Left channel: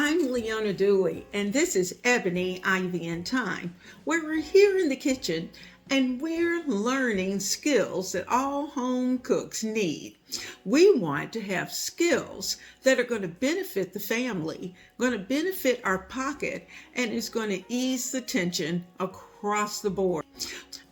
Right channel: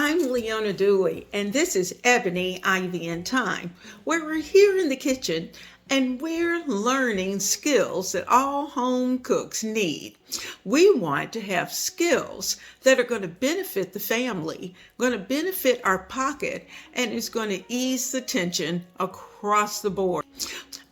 I'm Leona Dooley, and this is Ebony Ivy Thyme, where we're here in the kitchen and we're learning skills that all home cooks need. We want to have skills that are going to benefit the family, going to benefit our pocket, and is going to ease the tension across the board.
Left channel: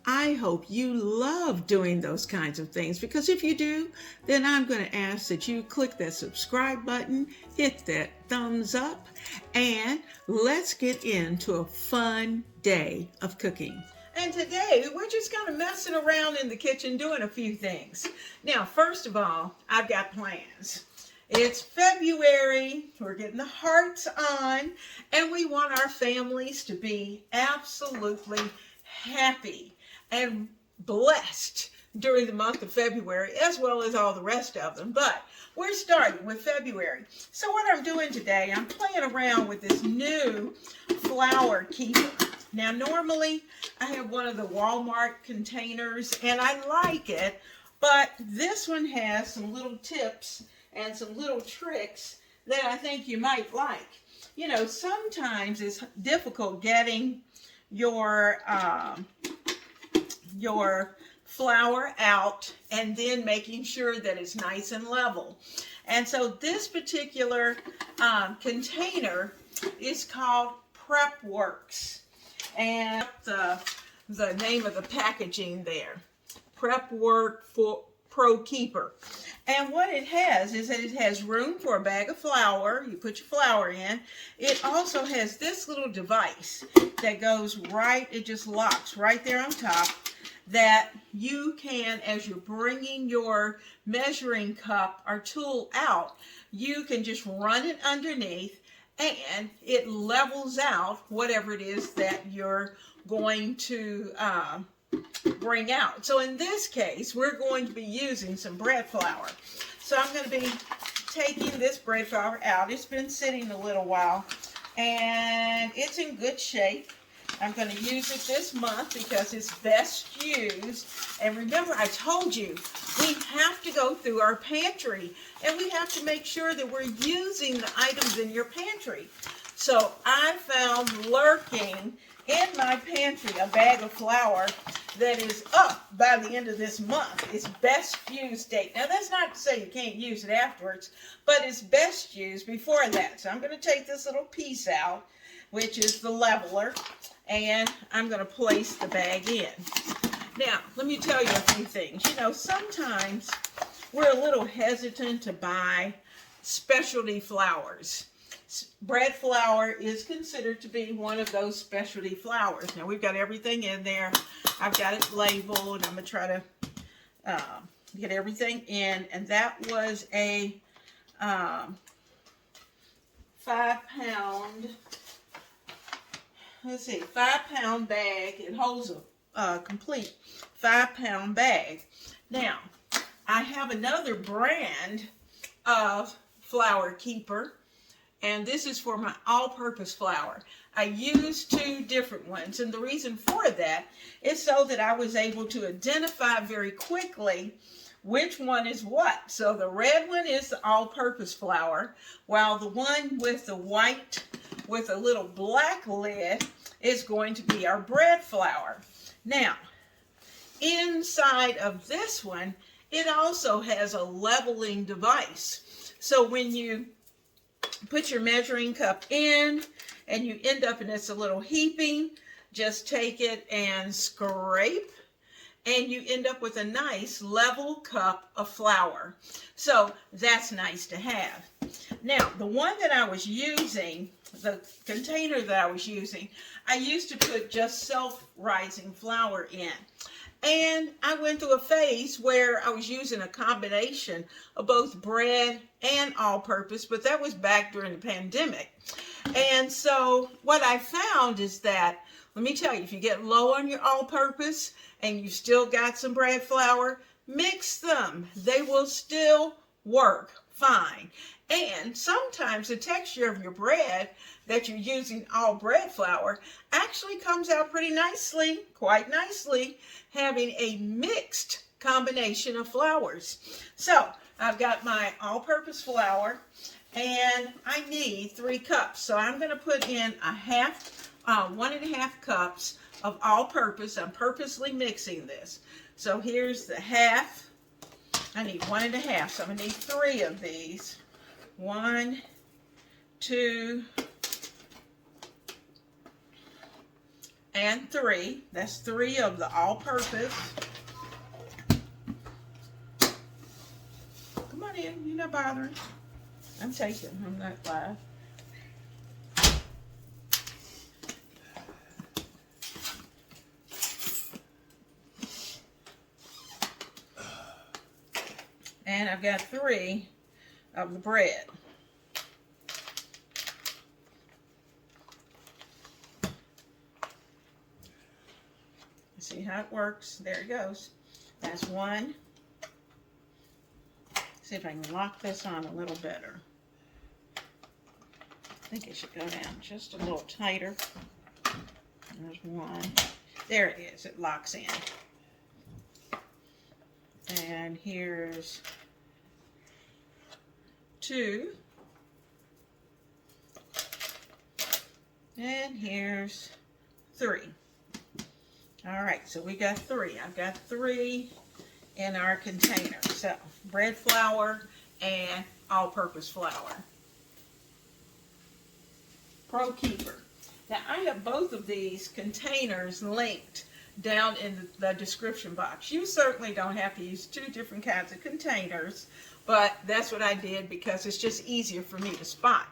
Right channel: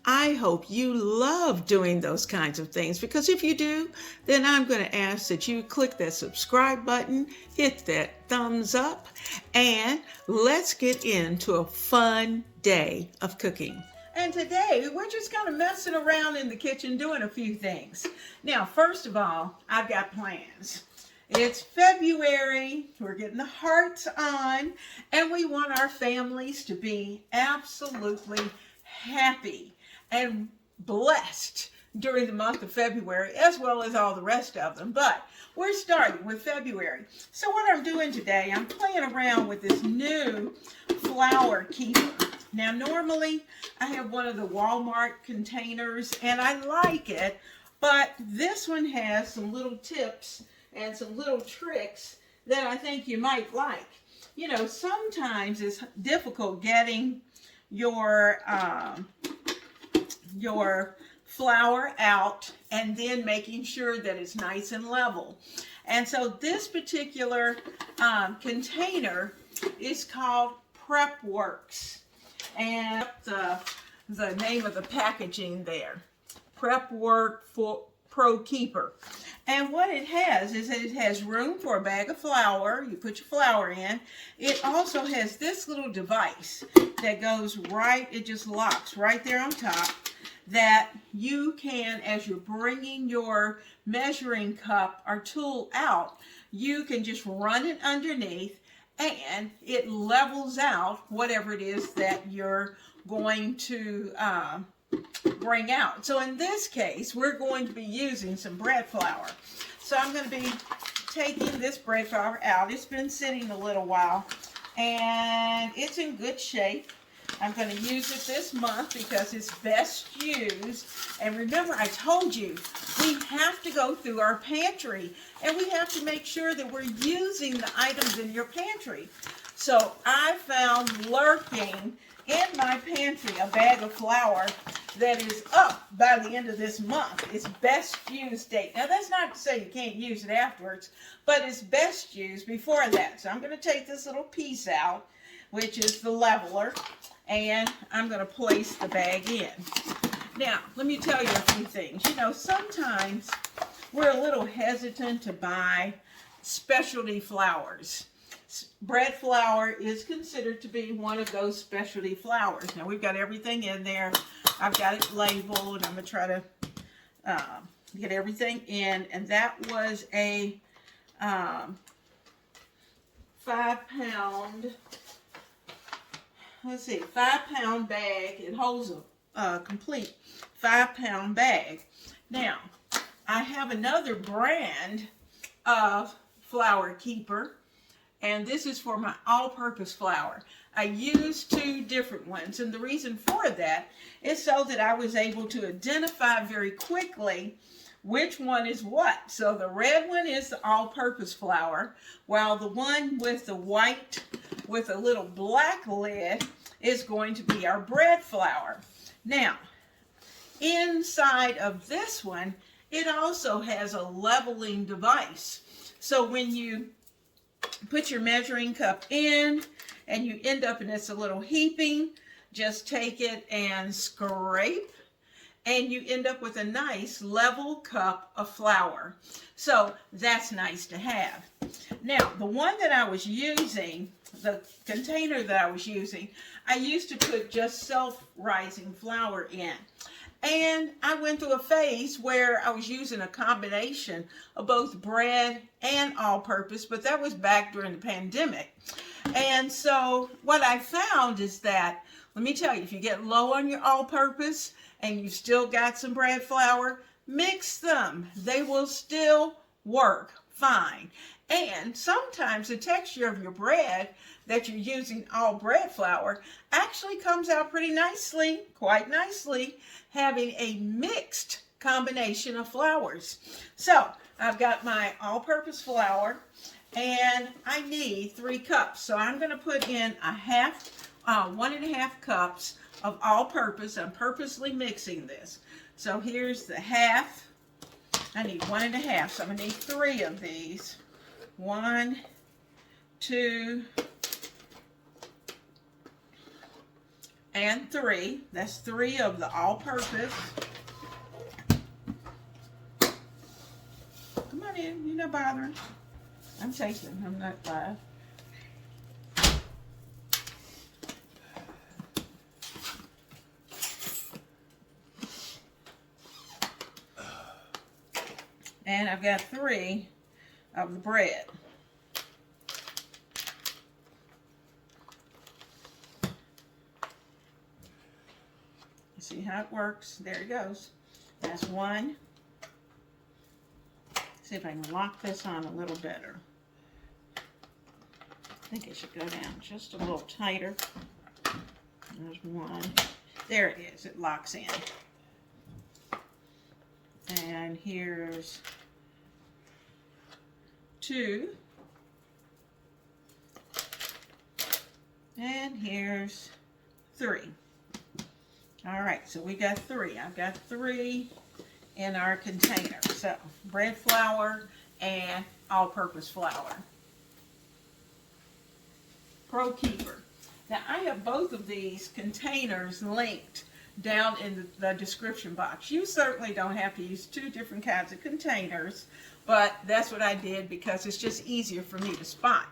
I hope you love doing those kinds of things, because if you do, then I'm going to ask that you click that subscribe button, hit that thumbs up, and let's get into a fun day of cooking. And today we're just kind of messing around in the kitchen doing a few things. Now, first of all, I've got plans. It's February, we're getting the hearts on, and we want our families to be absolutely happy and blessed during the month of February, as well as all the rest of them. But we're starting with February. So what I'm doing today, I'm playing around with this new flour keeper. Now, normally I have one of the Walmart containers and I like it, but this one has some little tips and some little tricks that I think you might like. You know, sometimes it's difficult getting your flour out and then making sure that it's nice and level. And so this particular container is called Prep Works, and the name of the packaging there, Prep Work for Pro Keeper. And what it has is that it has room for a bag of flour. You put your flour in. It also has this little device that goes right, it just locks right there on top, that you can, as you're bringing your measuring cup or tool out, you can just run it underneath and it levels out whatever it is that you're going to bring out. So in this case, we're going to be using some bread flour. So I'm going to be taking this bread flour out. It's been sitting a little while and it's in good shape. I'm going to use it this month because it's best used. And remember, I told you, we have to go through our pantry and we have to make sure that we're using the items in your pantry. So I found lurking in my pantry a bag of flour that is up by the end of this month. It's best used date. Now, that's not to say you can't use it afterwards, but it's best used before that. So I'm going to take this little piece out, which is the leveler, and I'm going to place the bag in. Now, let me tell you a few things. You know, sometimes we're a little hesitant to buy specialty flours. Bread flour is considered to be one of those specialty flours. Now, we've got everything in there. I've got it labeled. I'm going to try to get everything in. And that was a 5-pound, let's see, 5-pound bag. It holds a complete 5-pound bag. Now, I have another brand of flour keeper, and this is for my all-purpose flour. I used 2 different ones, and the reason for that is so that I was able to identify very quickly which one is what. So the red one is the all-purpose flour, while the one with the white with a little black lid is going to be our bread flour. Now, inside of this one, it also has a leveling device. So when you put your measuring cup in and you end up in this little heaping, just take it and scrape, and you end up with a nice level cup of flour. So that's nice to have. Now, the one that I was using, the container that I was using, I used to put just self-rising flour in. And I went through a phase where I was using a combination of both bread and all-purpose, but that was back during the pandemic. And so what I found is that, let me tell you, if you get low on your all-purpose and you still got some bread flour, mix them. They will still work fine. And sometimes the texture of your bread that you're using all bread flour actually comes out pretty nicely, quite nicely, having a mixed combination of flours. So I've got my all-purpose flour, and I need 3 cups. So I'm going to put in 1.5 cups of all-purpose. I'm purposely mixing this. So here's the half. I need 1.5, so I'm going to need 3 of these. 1, 2, and 3. That's 3 of the all-purpose. Come on in, you're not bothering. I'm taking, I'm not live. And I've got 3 of the bread. See how it works? There it goes. That's 1. See if I can lock this on a little better. I think it should go down just a little tighter. There's 1. There it is. It locks in. And here's 2. And here's 3. All right, so we got 3. I've got 3 in our container. So bread flour and all-purpose flour. Pro Keeper. Now I have both of these containers linked down in the description box. You certainly don't have to use 2 different kinds of containers, but that's what I did because it's just easier for me to spot.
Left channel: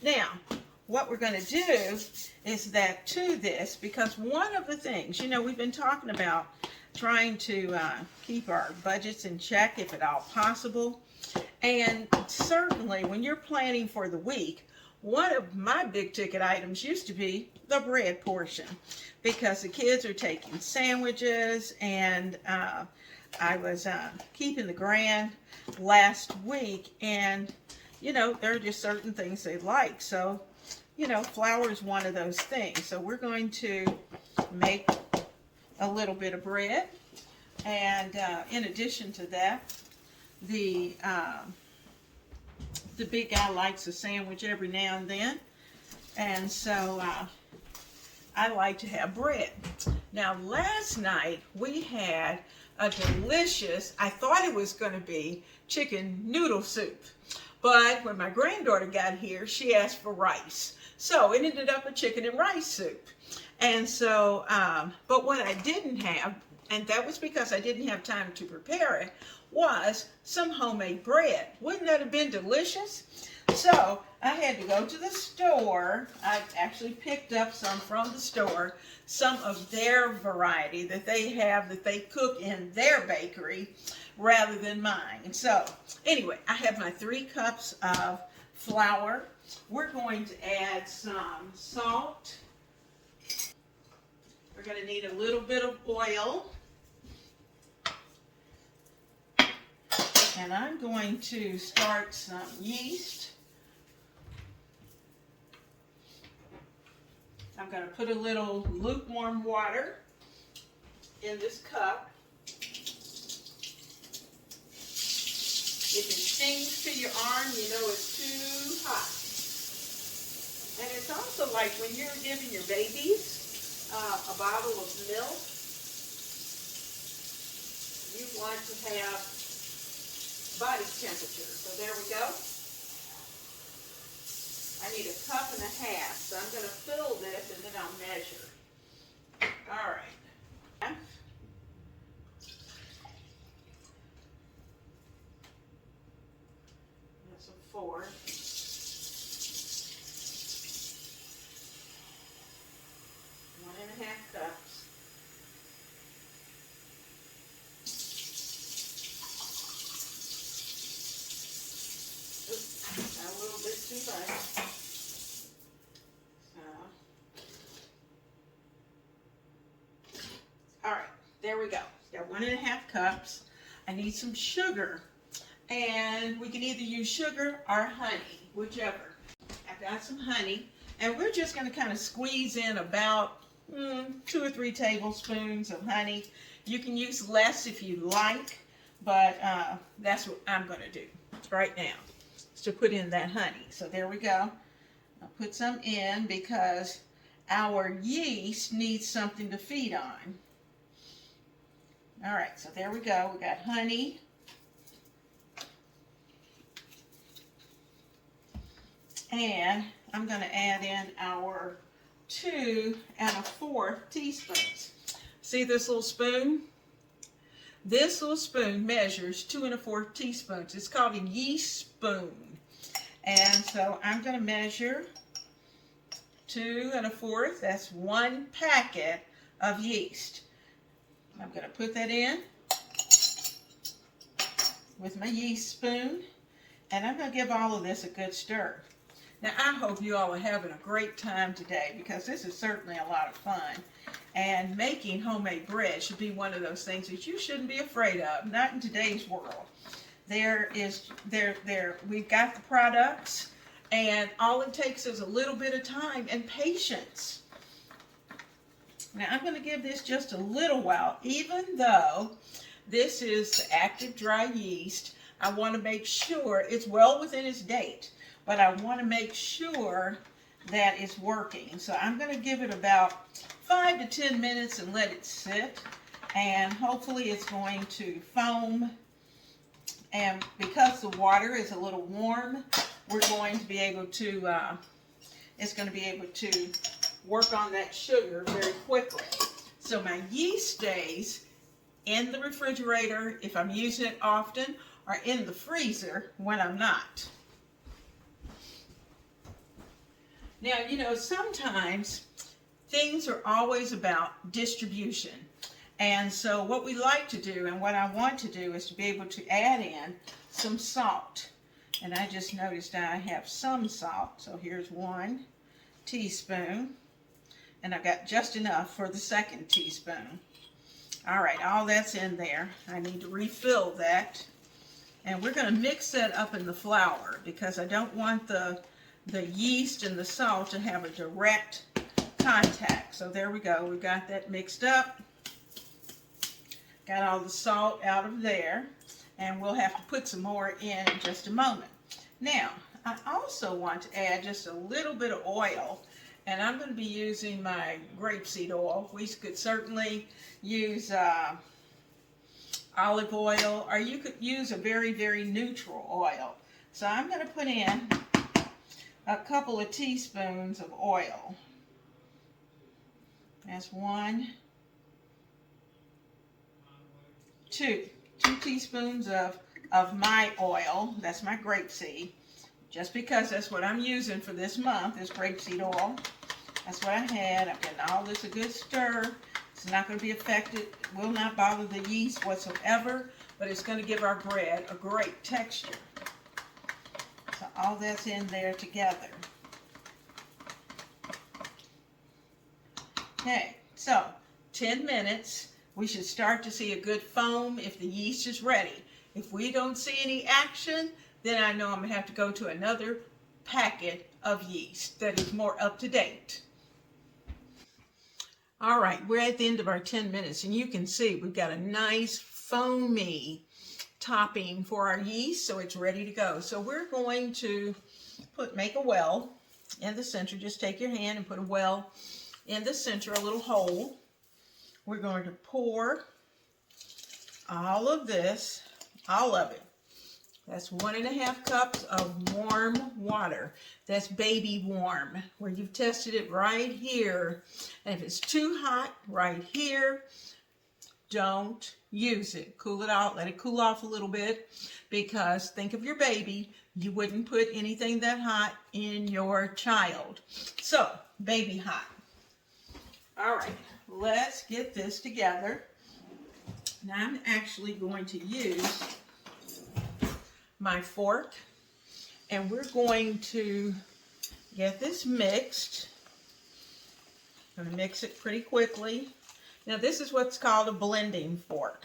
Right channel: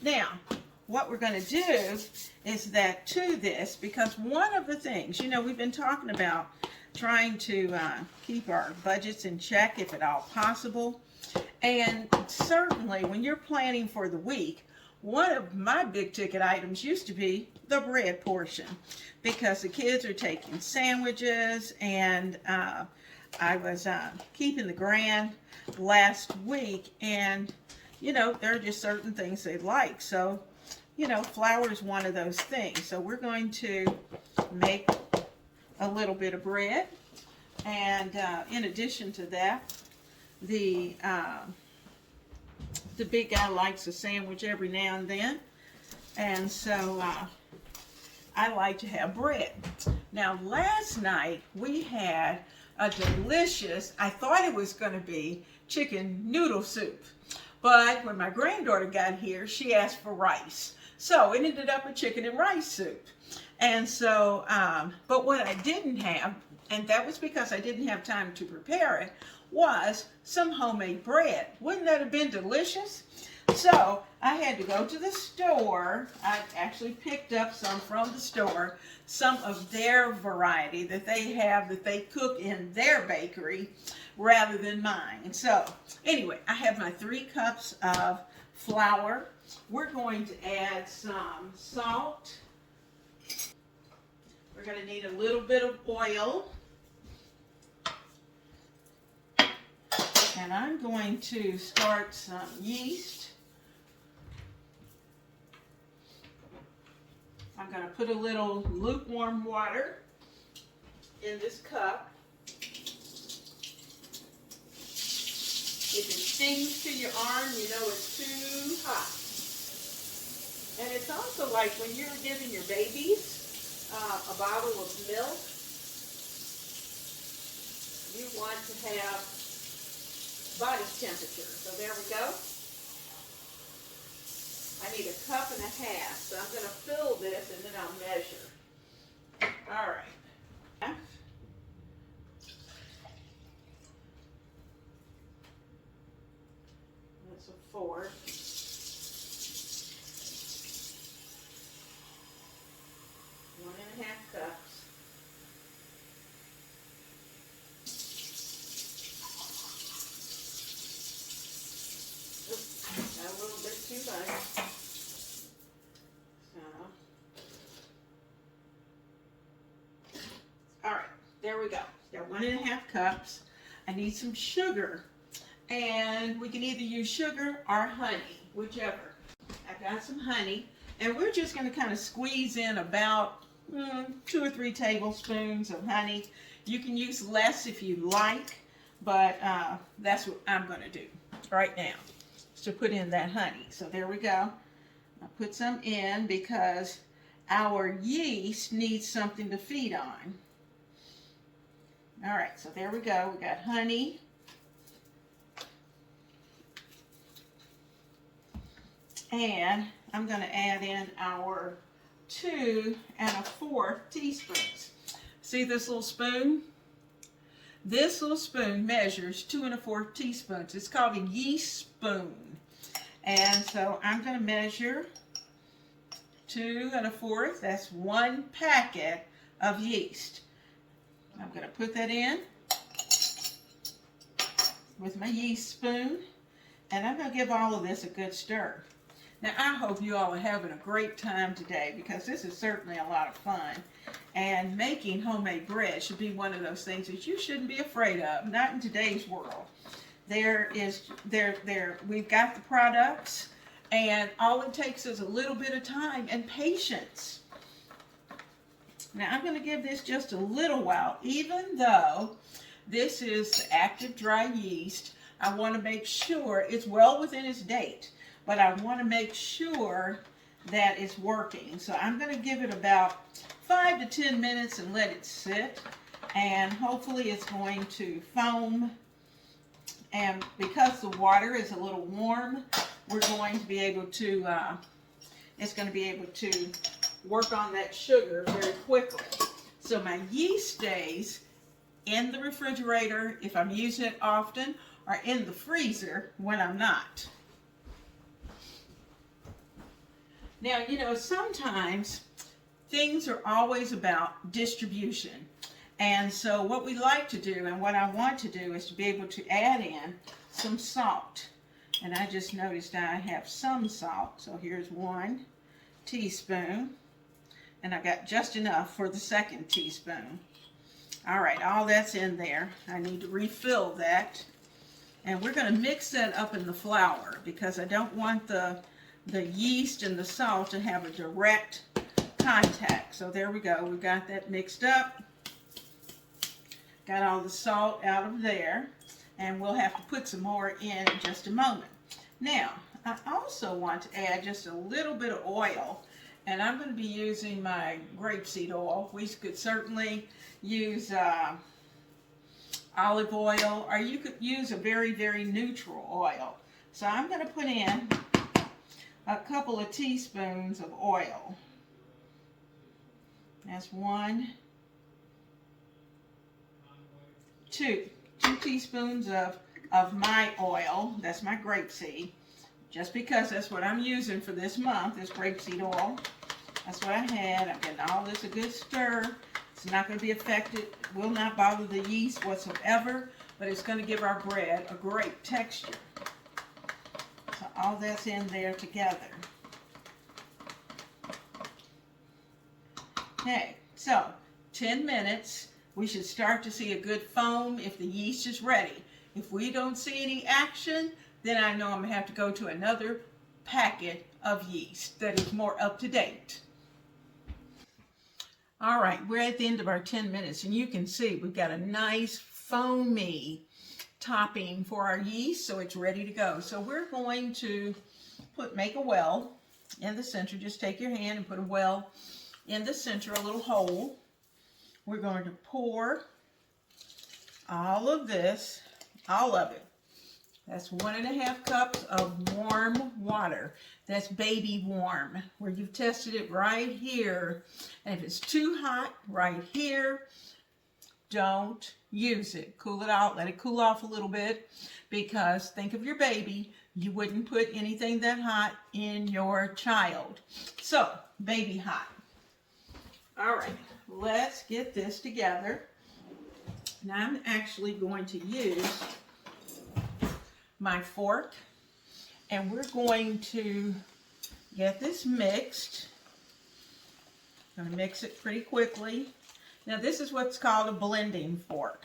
Now, what we're going to do is that to this, because one of the things, you know, we've been talking about trying to keep our budgets in check if at all possible. And certainly when you're planning for the week, one of my big ticket items used to be the bread portion because the kids are taking sandwiches, and I was keeping the grand last week, and you know, there are just certain things they like. So, you know, flour is one of those things. So we're going to make a little bit of bread, and in addition to that, the big guy likes a sandwich every now and then, and so I like to have bread. Now, last night we had a delicious, I thought it was going to be chicken noodle soup, but when my granddaughter got here, she asked for rice. So it ended up a chicken and rice soup. And so, but what I didn't have, and that was because I didn't have time to prepare it, was some homemade bread. Wouldn't that have been delicious? So I had to go to the store. I actually picked up some from the store, some of their variety that they have that they cook in their bakery rather than mine. So anyway, I have my 3 cups of flour. We're going to add some salt. We're going to need a little bit of oil. And I'm going to start some yeast. I'm going to put a little lukewarm water in this cup. If it stings to your arm, you know it's too hot. And it's also like when you're giving your babies a bottle of milk, you want to have body temperature. So there we go. I need 1.5 cups, so I'm going to fill this and then I'll measure. All right. That's a 4. One and a half cups. Oops, got a little bit too much. All right, there we go. Got 1.5 cups. I need some sugar, and we can either use sugar or honey, whichever. I've got some honey, and we're just going to kind of squeeze in about 2 or 3 tablespoons of honey. You can use less if you like, but that's what I'm going to do right now. to put in that honey. So there we go. I'll put some in because our yeast needs something to feed on. All right, so there we go. We got honey. And I'm going to add in our 2 1/4 teaspoons. See this little spoon? This little spoon measures 2 1/4 teaspoons. It's called a yeast spoon. And so I'm going to measure 2 1/4. That's 1 packet of yeast. I'm going to put that in with my yeast spoon. And I'm going to give all of this a good stir. Now, I hope you all are having a great time today because this is certainly a lot of fun. And making homemade bread should be one of those things that you shouldn't be afraid of, not in today's world. We've got the products, and all it takes is a little bit of time and patience. Now, I'm going to give this just a little while. Even though this is the active dry yeast, I want to make sure it's well within its date. But I want to make sure that it's working. So I'm going to give it about 5 to 10 minutes and let it sit. And hopefully it's going to foam. And because the water is a little warm, we're going to be able to, it's going to be able to work on that sugar very quickly. So my yeast stays in the refrigerator if I'm using it often, or in the freezer when I'm not. Now, you know, sometimes things are always about distribution. And so what we like to do, and what I want to do, is to be able to add in some salt. And I just noticed I have some salt. So here's 1 teaspoon. And I've got just enough for the 2nd teaspoon. All right, all that's in there. I need to refill that. And we're going to mix that up in the flour because I don't want the yeast and the salt to have a direct contact. So there we go. We got that mixed up. Got all the salt out of there. And we'll have to put some more in just a moment. Now, I also want to add just a little bit of oil. And I'm going to be using my grapeseed oil. We could certainly use olive oil, or you could use a very, very neutral oil. So I'm going to put in a couple of teaspoons of oil. That's 1, 2 teaspoons of my oil. That's my grapeseed. Just because that's what I'm using for this month is grapeseed oil. That's what I had. I'm getting all this a good stir. It's not going to be affected. It will not bother the yeast whatsoever, but it's going to give our bread a great texture. So all that's in there together. Okay, so 10 minutes. We should start to see a good foam if the yeast is ready. If we don't see any action, then I know I'm going to have to go to another packet of yeast that is more up to date. All right, we're at the end of our 10 minutes, and you can see we've got a nice foamy topping for our yeast, so it's ready to go. So we're going to make a well in the center. Just take your hand and put a well in the center, a little hole. We're going to pour all of this, all of it. That's 1½ cups of warm water. That's baby warm, where you've tested it right here. And if it's too hot right here, don't use it. Cool it out. Let it cool off a little bit, because think of your baby. You wouldn't put anything that hot in your child. So, baby hot. All right, let's get this together. Now I'm actually going to use my fork, and we're going to get this mixed. I'm going to mix it pretty quickly. Now this is what's called a blending fork.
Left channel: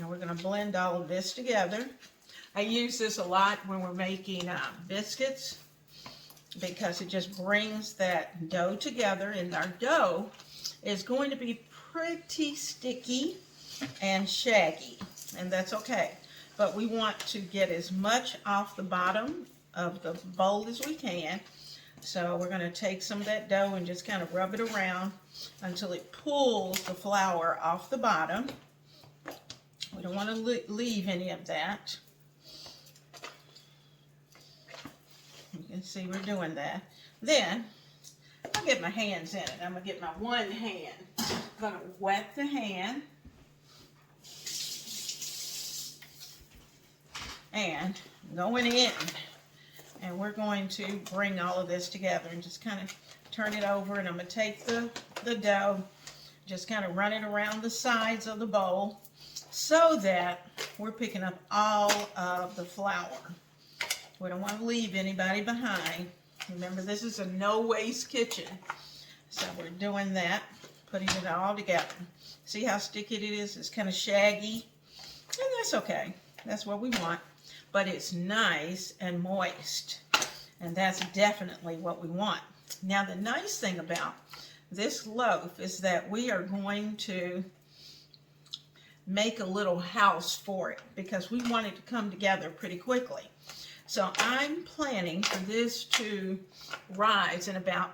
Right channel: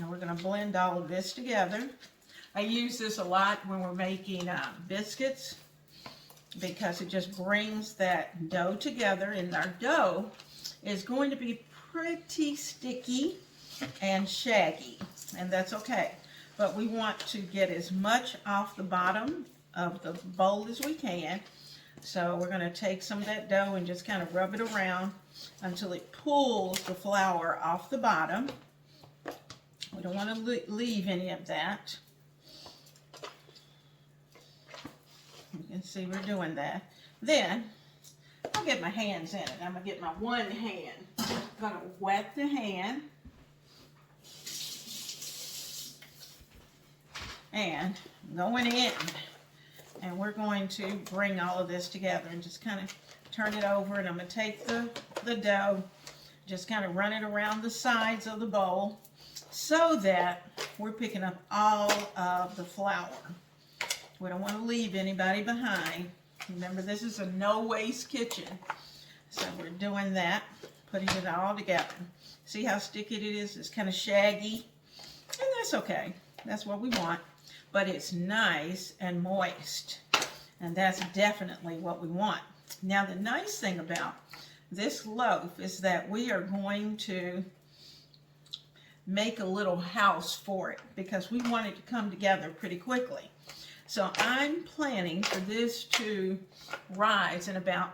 Now we're going to blend all of this together. I use this a lot when we're making biscuits, because it just brings that dough together, and our dough is going to be pretty sticky and shaggy, and that's okay. but we want to get as much off the bottom of the bowl as we can. So we're going to take some of that dough and just kind of rub it around until it pulls the flour off the bottom. We don't want to leave any of that. You can see we're doing that. Then I'll get my hands in it. I'm going to get my one hand. I'm going to wet the hand. And going in. And we're going to bring all of this together and just kind of turn it over. And I'm going to take the dough, just kind of run it around the sides of the bowl so that we're picking up all of the flour. We don't want to leave anybody behind. Remember, this is a no-waste kitchen. So we're doing that, putting it all together. See how sticky it is? It's kind of shaggy. And that's okay. That's what we want. But it's nice and moist. And that's definitely what we want. Now, the nice thing about this loaf is that we are going to make a little house for it because we want it to come together pretty quickly. So I'm planning for this to rise in about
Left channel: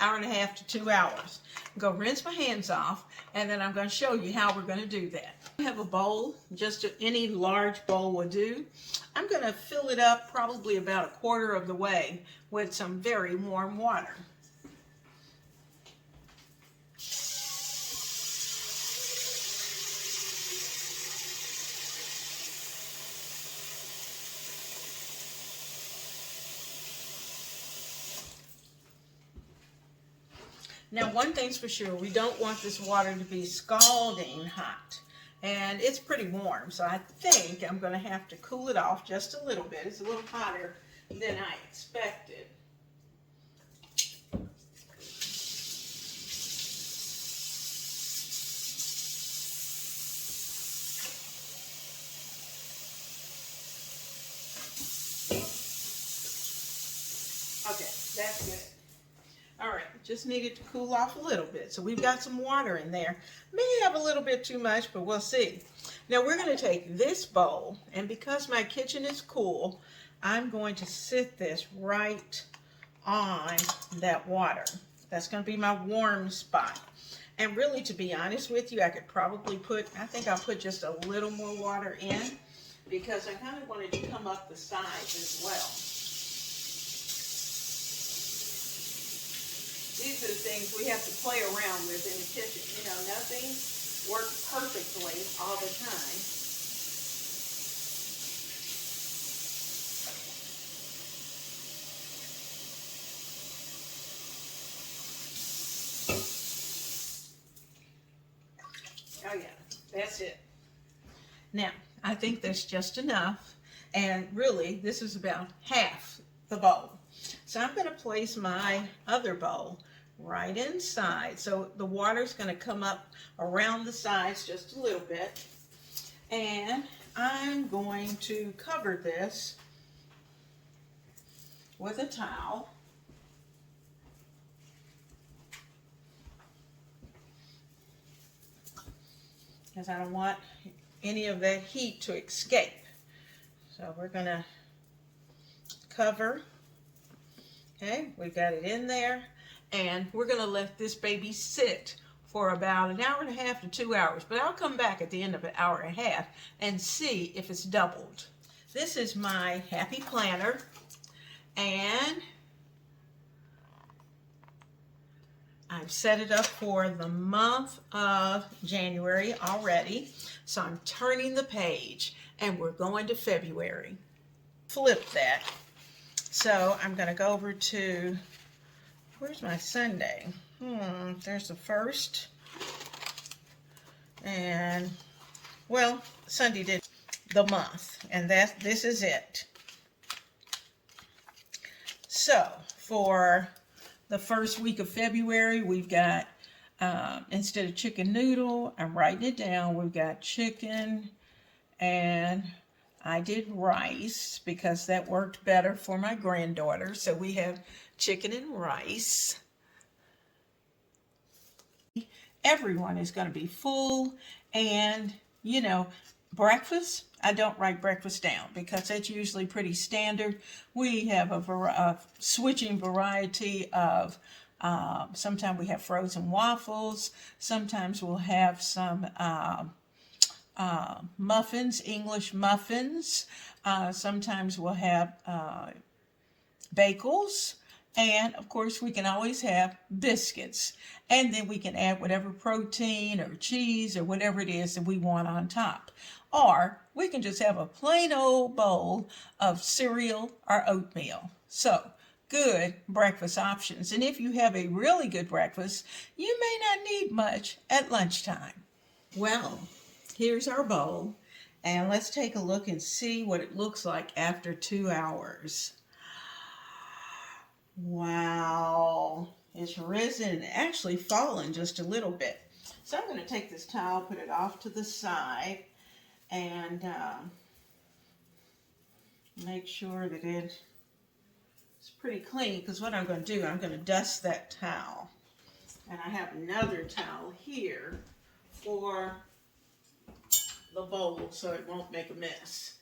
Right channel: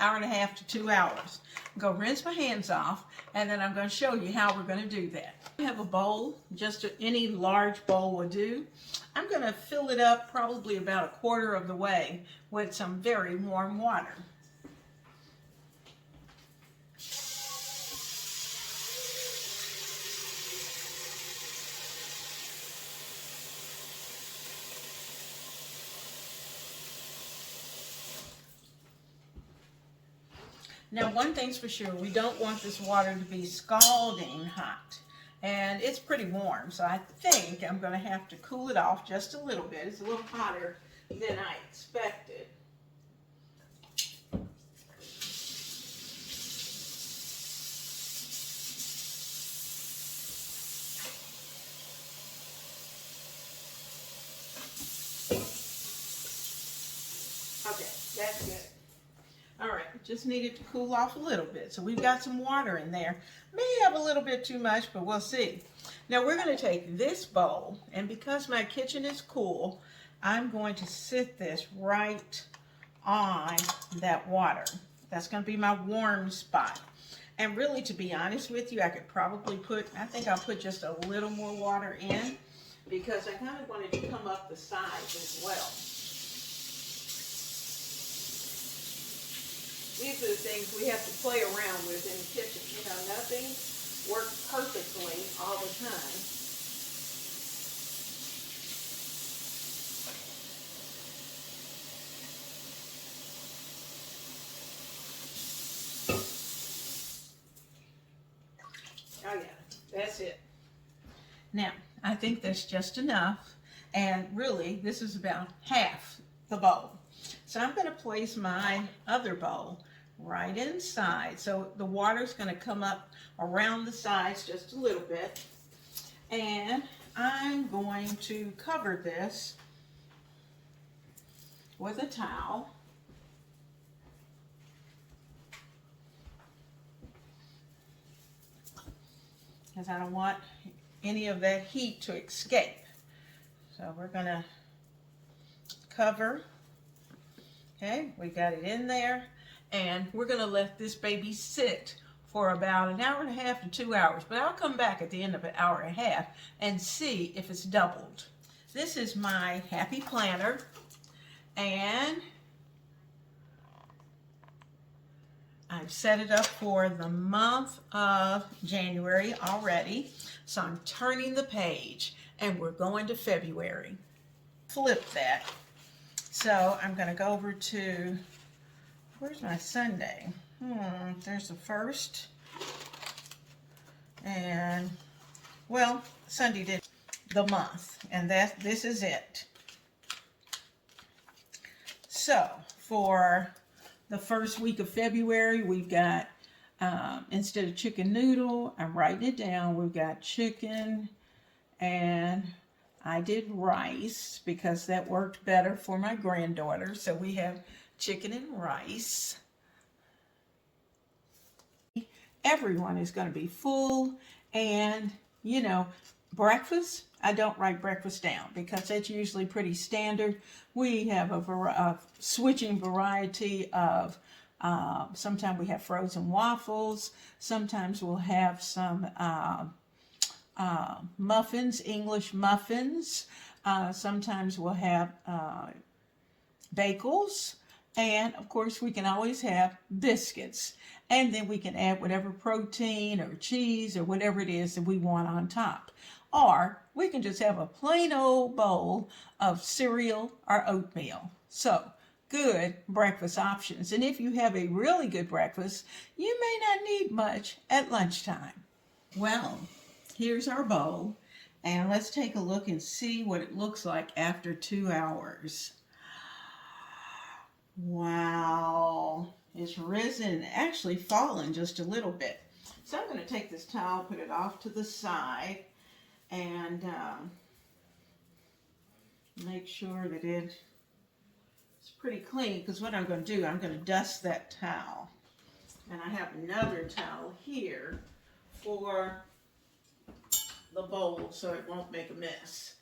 hour and a half to 2 hours. I'm going to rinse my hands off, and then I'm going to show you how we're going to do that. I have a bowl, just any large bowl will do. I'm going to fill it up probably about 1/4 of the way with some very warm water. Now, one thing's for sure, we don't want this water to be scalding hot. And it's pretty warm, so I think I'm going to have to cool it off just a little bit. It's a little hotter than I expected. Okay, that's good. All right, just needed to cool off a little bit. So we've got some water in there. May have a little bit too much, but we'll see. Now we're going to take this bowl, and because my kitchen is cool, I'm going to sit this right on that water. That's going to be my warm spot. And really, to be honest with you, I could probably I think I'll put just a little more water in because I kind of want it to come up the sides as well. These are the things we have to play around with in the kitchen. You know, nothing works perfectly all the time. Oh yeah, that's it. Now, I think that's just enough. And really, this is about half the bowl. So I'm going to place my other bowl right inside. So the water's going to come up around the sides just a little bit. And I'm going to cover this with a towel. Because I don't want any of that heat to escape. So we're going to cover. Okay, we got it in there, and we're going to let this baby sit for about 1.5 hours to 2 hours, but I'll come back at the end of 1.5 hours and see if it's doubled. This is my happy planner, and I've set it up for the month of January already, so I'm turning the page, and we're going to February. Flip that. So I'm going to go over to, where's my Sunday? There's the 1st. And, well, Sunday did the month. And this is it. So, for the first week of February, we've got, instead of chicken noodle, I'm writing it down, we've got chicken, and I did rice because that worked better for my granddaughter. So we have chicken and rice. Everyone is going to be full, and, you know, breakfast, I don't write breakfast down because that's usually pretty standard. We have a switching variety of, sometimes we have frozen waffles, sometimes we'll have some muffins, English muffins, sometimes we'll have bagels, and of course we can always have biscuits, and then we can add whatever protein or cheese or whatever it is that we want on top. Or we can just have a plain old bowl of cereal or oatmeal. So good breakfast options. And if you have a really good breakfast, you may not need much at lunchtime. Well, here's our bowl, and let's take a look and see what it looks like after 2 hours. Wow, it's risen, actually fallen just a little bit. So I'm going to take this towel, put it off to the side, and make sure that it's pretty clean, because what I'm going to do, I'm going to dust that towel. And I have another towel here for the bowl so it won't make a mess,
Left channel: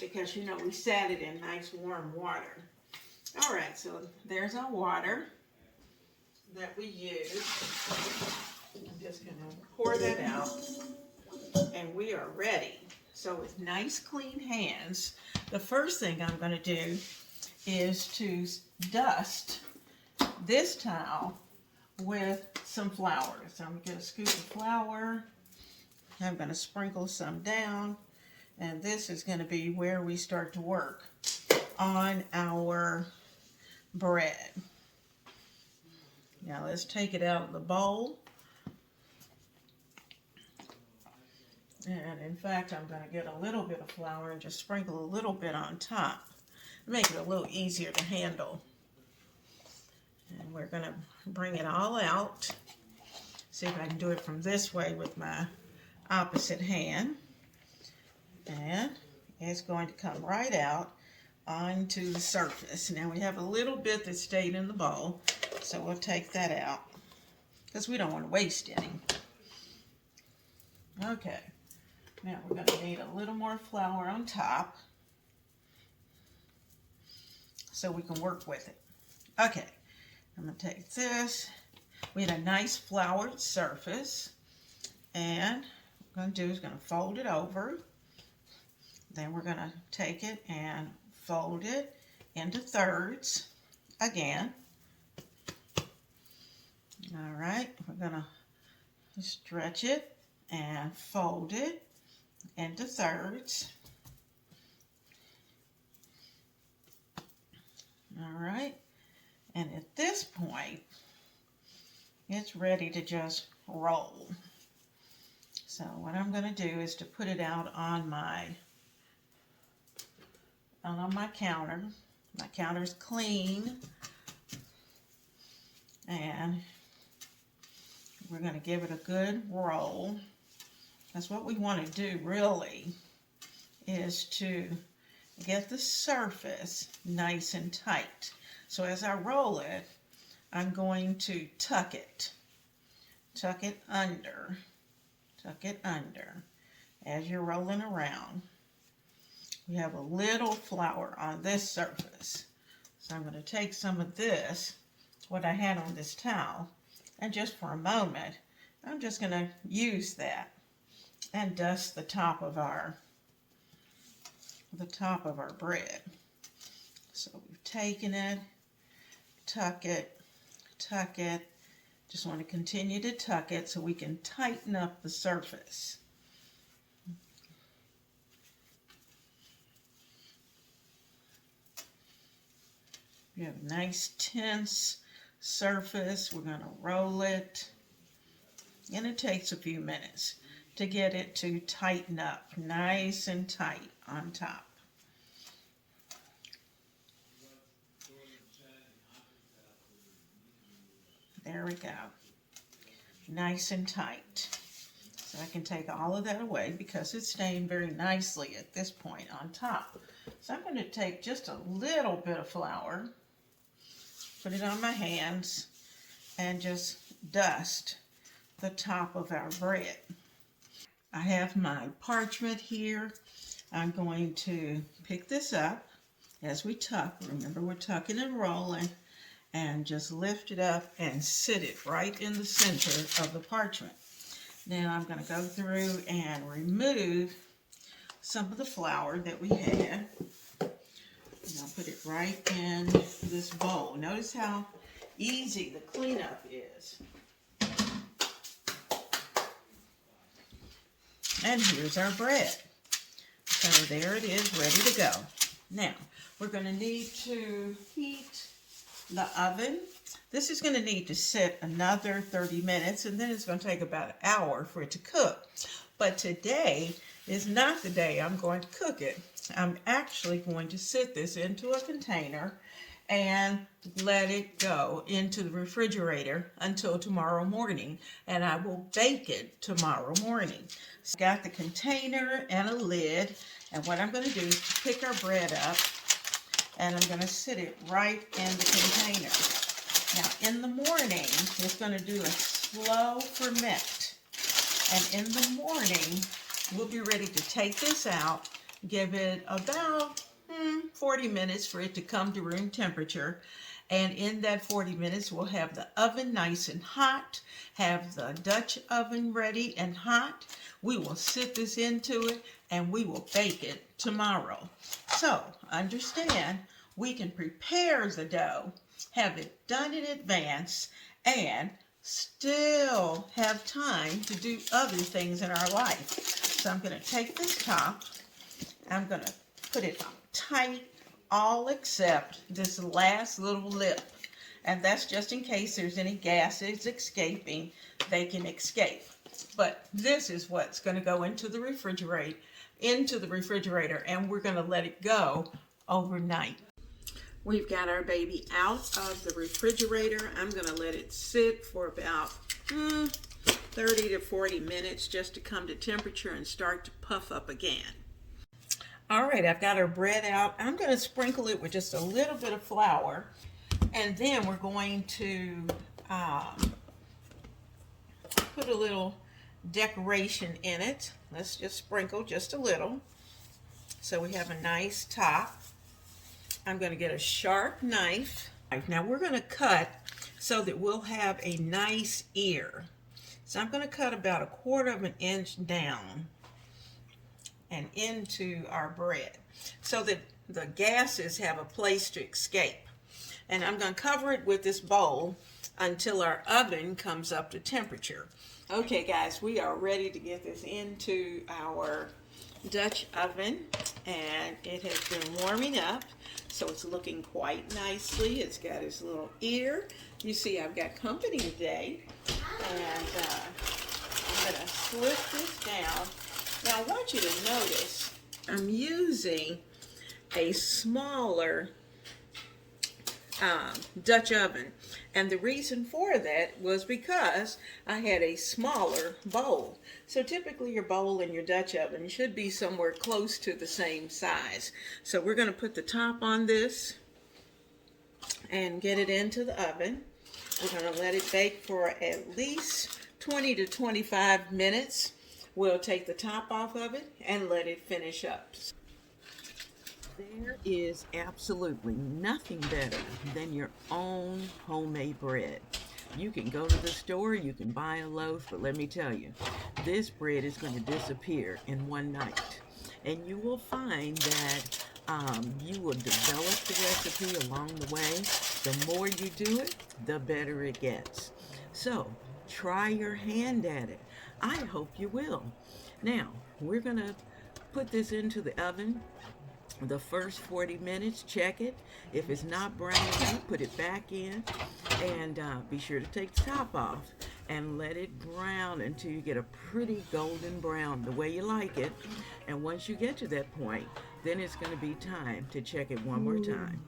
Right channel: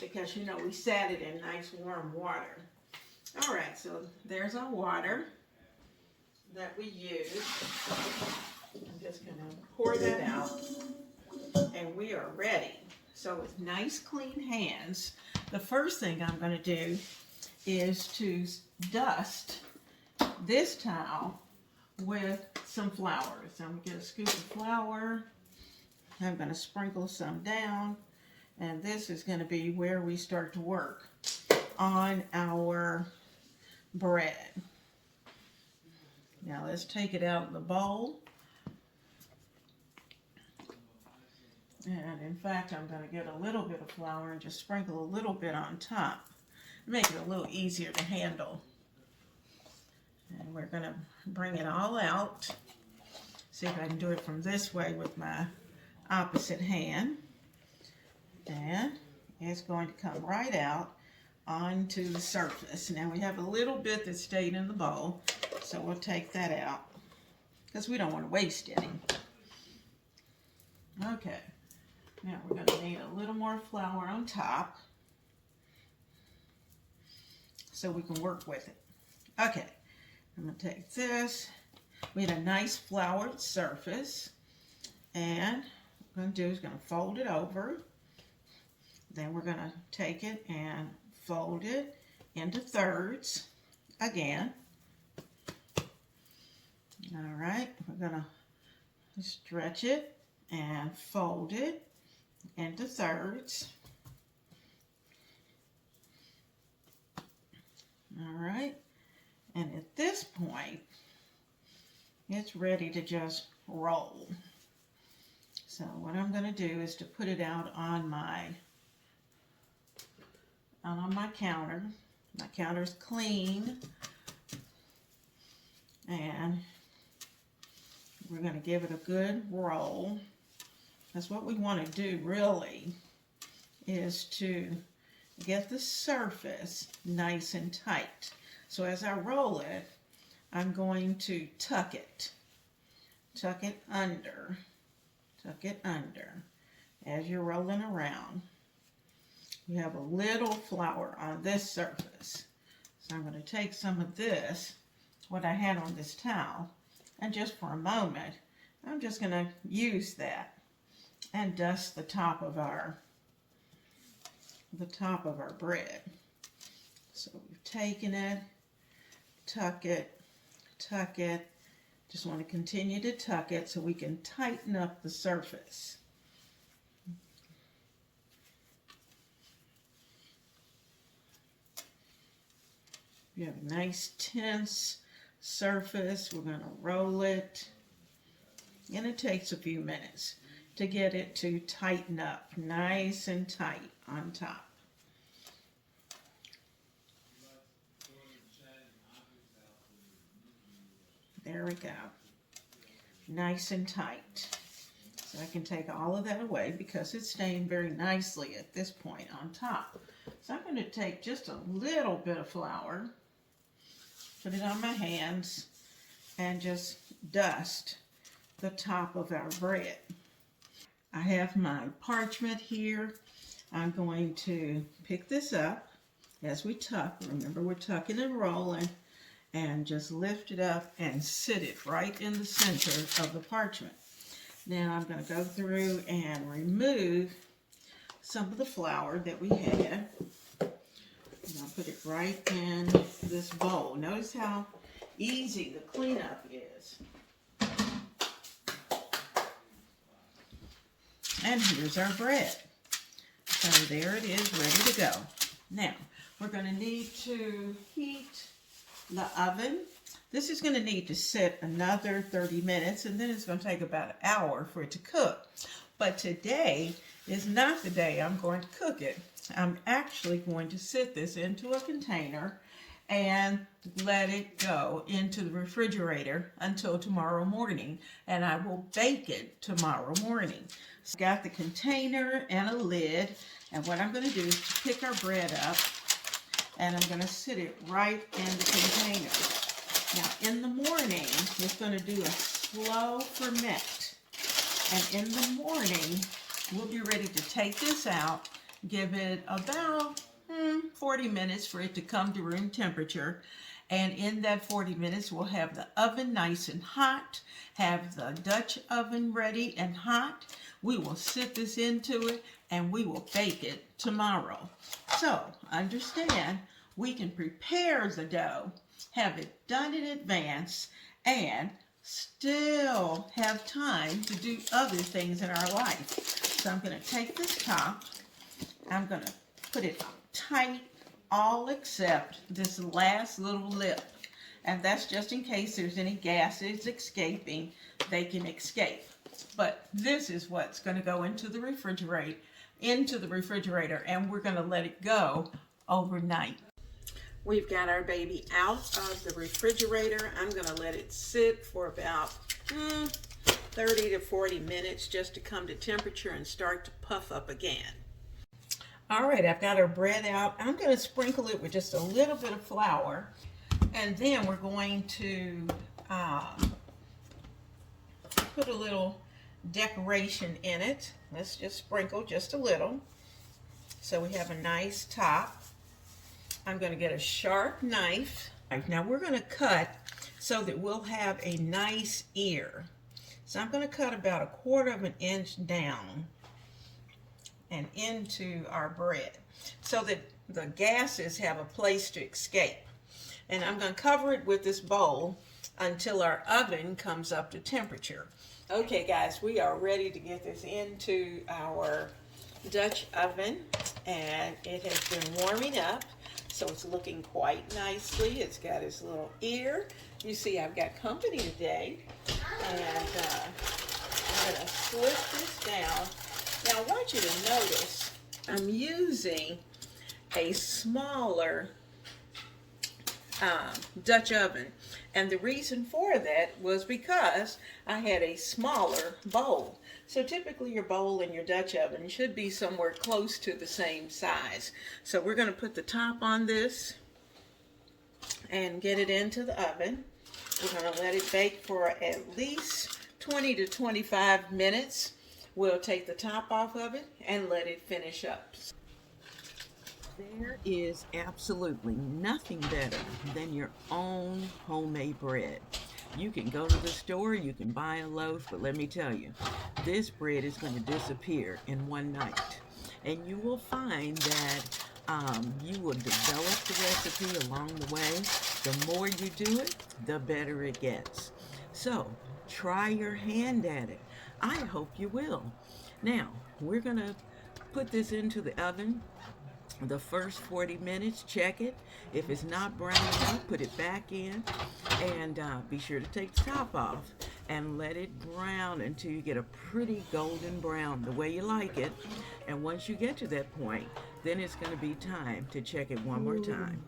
because you know we set it in nice warm water. All right, so there's our water that we use. I'm just going to pour that out, and we are ready. So with nice clean hands, the first thing I'm going to do is to dust this towel with some flour. So I'm going to scoop of flour. I'm going to sprinkle some down, and this is going to be where we start to work on our bread. Now let's take it out of the bowl. And in fact, I'm going to get a little bit of flour and just sprinkle a little bit on top. Make it a little easier to handle. And we're going to bring it all out. See if I can do it from this way with my opposite hand. And it's going to come right out onto the surface. Now we have a little bit that stayed in the bowl, so we'll take that out because we don't want to waste any. Okay, now we're going to need a little more flour on top so we can work with it. Okay, I'm going to take this. We had a nice floured surface, and what I'm going to do is going to fold it over. Then we're going to take it and fold it into thirds again. All right, we're going to stretch it and fold it into thirds. All right, and at this point, it's ready to just roll. So what I'm going to do is to put it out on my counter. My counter's clean, and we're going to give it a good roll. That's what we want to do really, is to get the surface nice and tight. So as I roll it, I'm going to tuck it under as you're rolling around. You have a little flour on this surface. So I'm going to take some of this, what I had on this towel, and just for a moment, I'm just going to use that and dust the top of our bread. So we've taken it, tuck it. Just want to continue to tuck it so we can tighten up the surface. You have a nice tense surface. We're going to roll it, and it takes a few minutes to get it to tighten up nice and tight on top. There we go. Nice and tight. So I can take all of that away because it's staying very nicely at this point on top. So I'm going to take just a little bit of flour, put it on my hands, and just dust the top of our bread. I have my parchment here. I'm going to pick this up as we tuck. Remember, we're tucking and rolling. And just lift it up and sit it right in the center of the parchment. Now I'm going to go through and remove some of the flour that we had. And I'll put it right in this bowl. Notice how easy the cleanup is. And here's our bread. So there it is, ready to go. Now, we're going to need to heat the oven. This is going to need to sit another 30 minutes, and then it's going to take about an hour for it to cook. But today is not the day I'm going to cook it. I'm actually going to sit this into a container and let it go into the refrigerator until tomorrow morning, and I will bake it tomorrow morning. So I've got the container and a lid, and what I'm going to do is pick our bread up, and I'm going to sit it right in the container. Now, in the morning, it's going to do a slow ferment. And in the morning, we'll be ready to take this out, give it about 40 minutes for it to come to room temperature. And in that 40 minutes, we'll have the oven nice and hot, have the Dutch oven ready and hot. We will sit this into it, and we will bake it tomorrow. So, understand, we can prepare the dough, have it done in advance, and still have time to do other things in our life. So I'm going to take this top, I'm going to put it tight, all except this last little lip. And that's just in case there's any gases escaping, they can escape. But this is what's going to go into the refrigerator, and we're going to let it go overnight. We've got our baby out of the refrigerator. I'm going to let it sit for about 30 to 40 minutes just to come to temperature and start to puff up again. All right, I've got our bread out. I'm going to sprinkle it with just a little bit of flour, and then we're going to put a little decoration in it. Let's just sprinkle just a little so we have a nice top. I'm going to get a sharp knife. Now we're going to cut so that we'll have a nice ear. So I'm going to cut about 1/4 of an inch down and into our bread so that the gases have a place to escape. And I'm going to cover it with this bowl until our oven comes up to temperature. Okay guys, we are ready to get this into our Dutch oven, and it has been warming up, so it's looking quite nicely. It's got its little ear. You see I've got company today, and I'm going to flip this down. Now I want you to notice I'm using a smaller Dutch oven, and the reason for that was because I had a smaller bowl. So typically your bowl and your Dutch oven should be somewhere close to the same size. So we're going to put the top on this and get it into the oven. We're going to let it bake for at least 20 to 25 minutes. We'll take the top off of it and let it finish up. There is absolutely nothing better than your own homemade bread. You can go to the store, you can buy a loaf, but let me tell you, this bread is going to disappear in one night. And you will find that you will develop the recipe along the way. The more you do it, the better it gets. So, try your hand at it. I hope you will. Now, we're going to put this into the oven. The first 40 minutes, check it. If it's not brown enough, put it back in, and be sure to take the top off and let it brown until you get a pretty golden brown, the way you like it. And once you get to that point, then it's going to be time to check it one more time.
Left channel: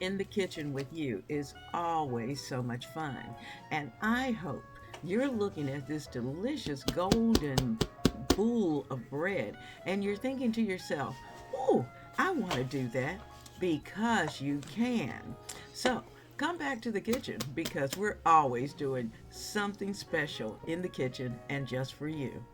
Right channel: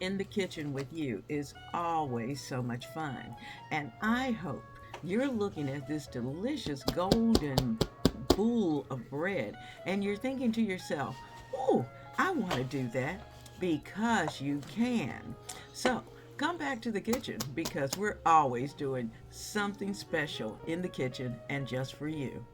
In the kitchen with you is always so much fun, and I hope you're looking at this delicious golden bowl of bread and you're thinking to yourself, oh, I want to do that. because you can. So come back to the kitchen because we're always doing something special in the kitchen and just for you.